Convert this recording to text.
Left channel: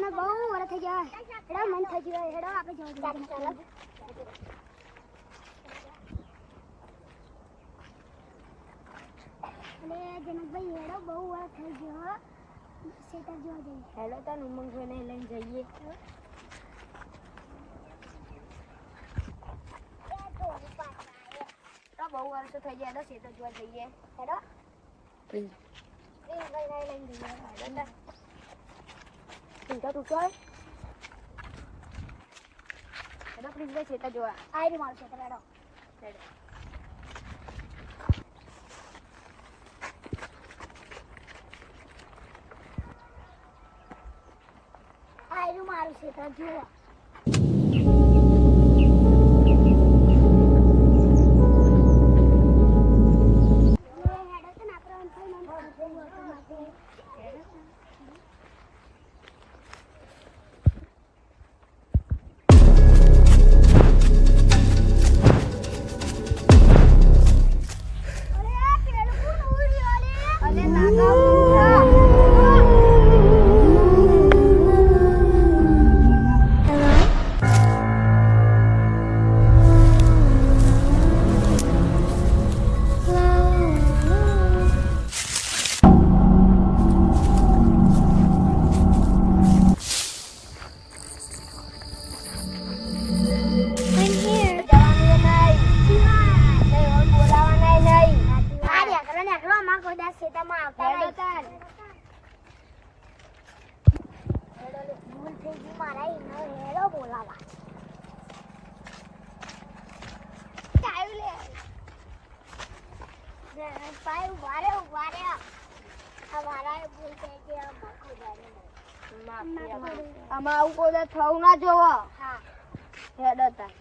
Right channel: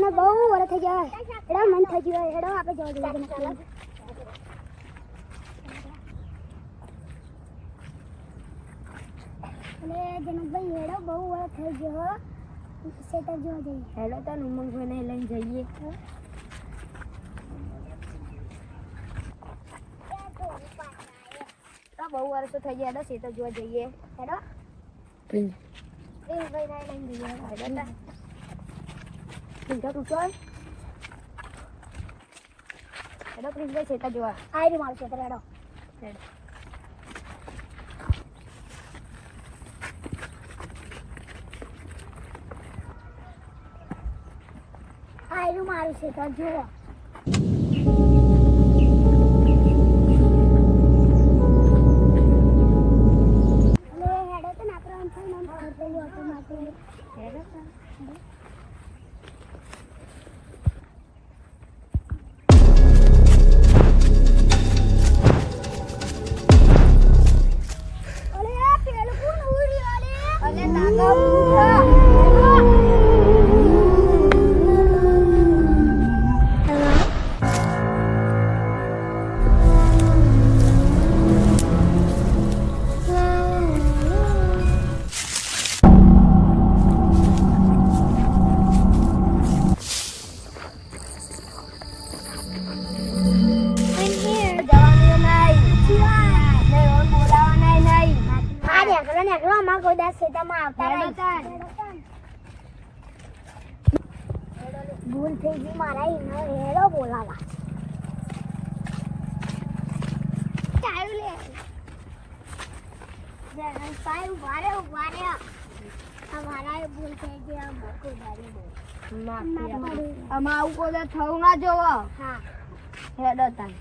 તને બહુ વર થઈ જાય હેડો મન થઈ ગયો હેડો આપણે જવા દઈએ અને જનકભાઈ હેડો બહુ વર થઈ ગયો સેટર જોવા જઈએ હેડો તો ઉમંગભાઈને લઈને જઈએ તો બહુ વર્ષો થઈ ગયા હેડો સેટર જોવા જઈએ હેડો ભાઈ લઈને જઈએ હેડો તું ચાલ હેડો પ્રિન્સભાઈ સેટર જોવા આવી મારું સેટર હેડો આયરું મારું સેટર જોવા હેડો તો ના પ્રાણ થઈ નામ કરતો હતો માટે હેડો ભૂલ થઈ ગઈ મારા હેડો બોલાવા ભૂલ થઈ ગઈ આમાં આવું કોઈ થવું ના જોવો હા હેડો તાર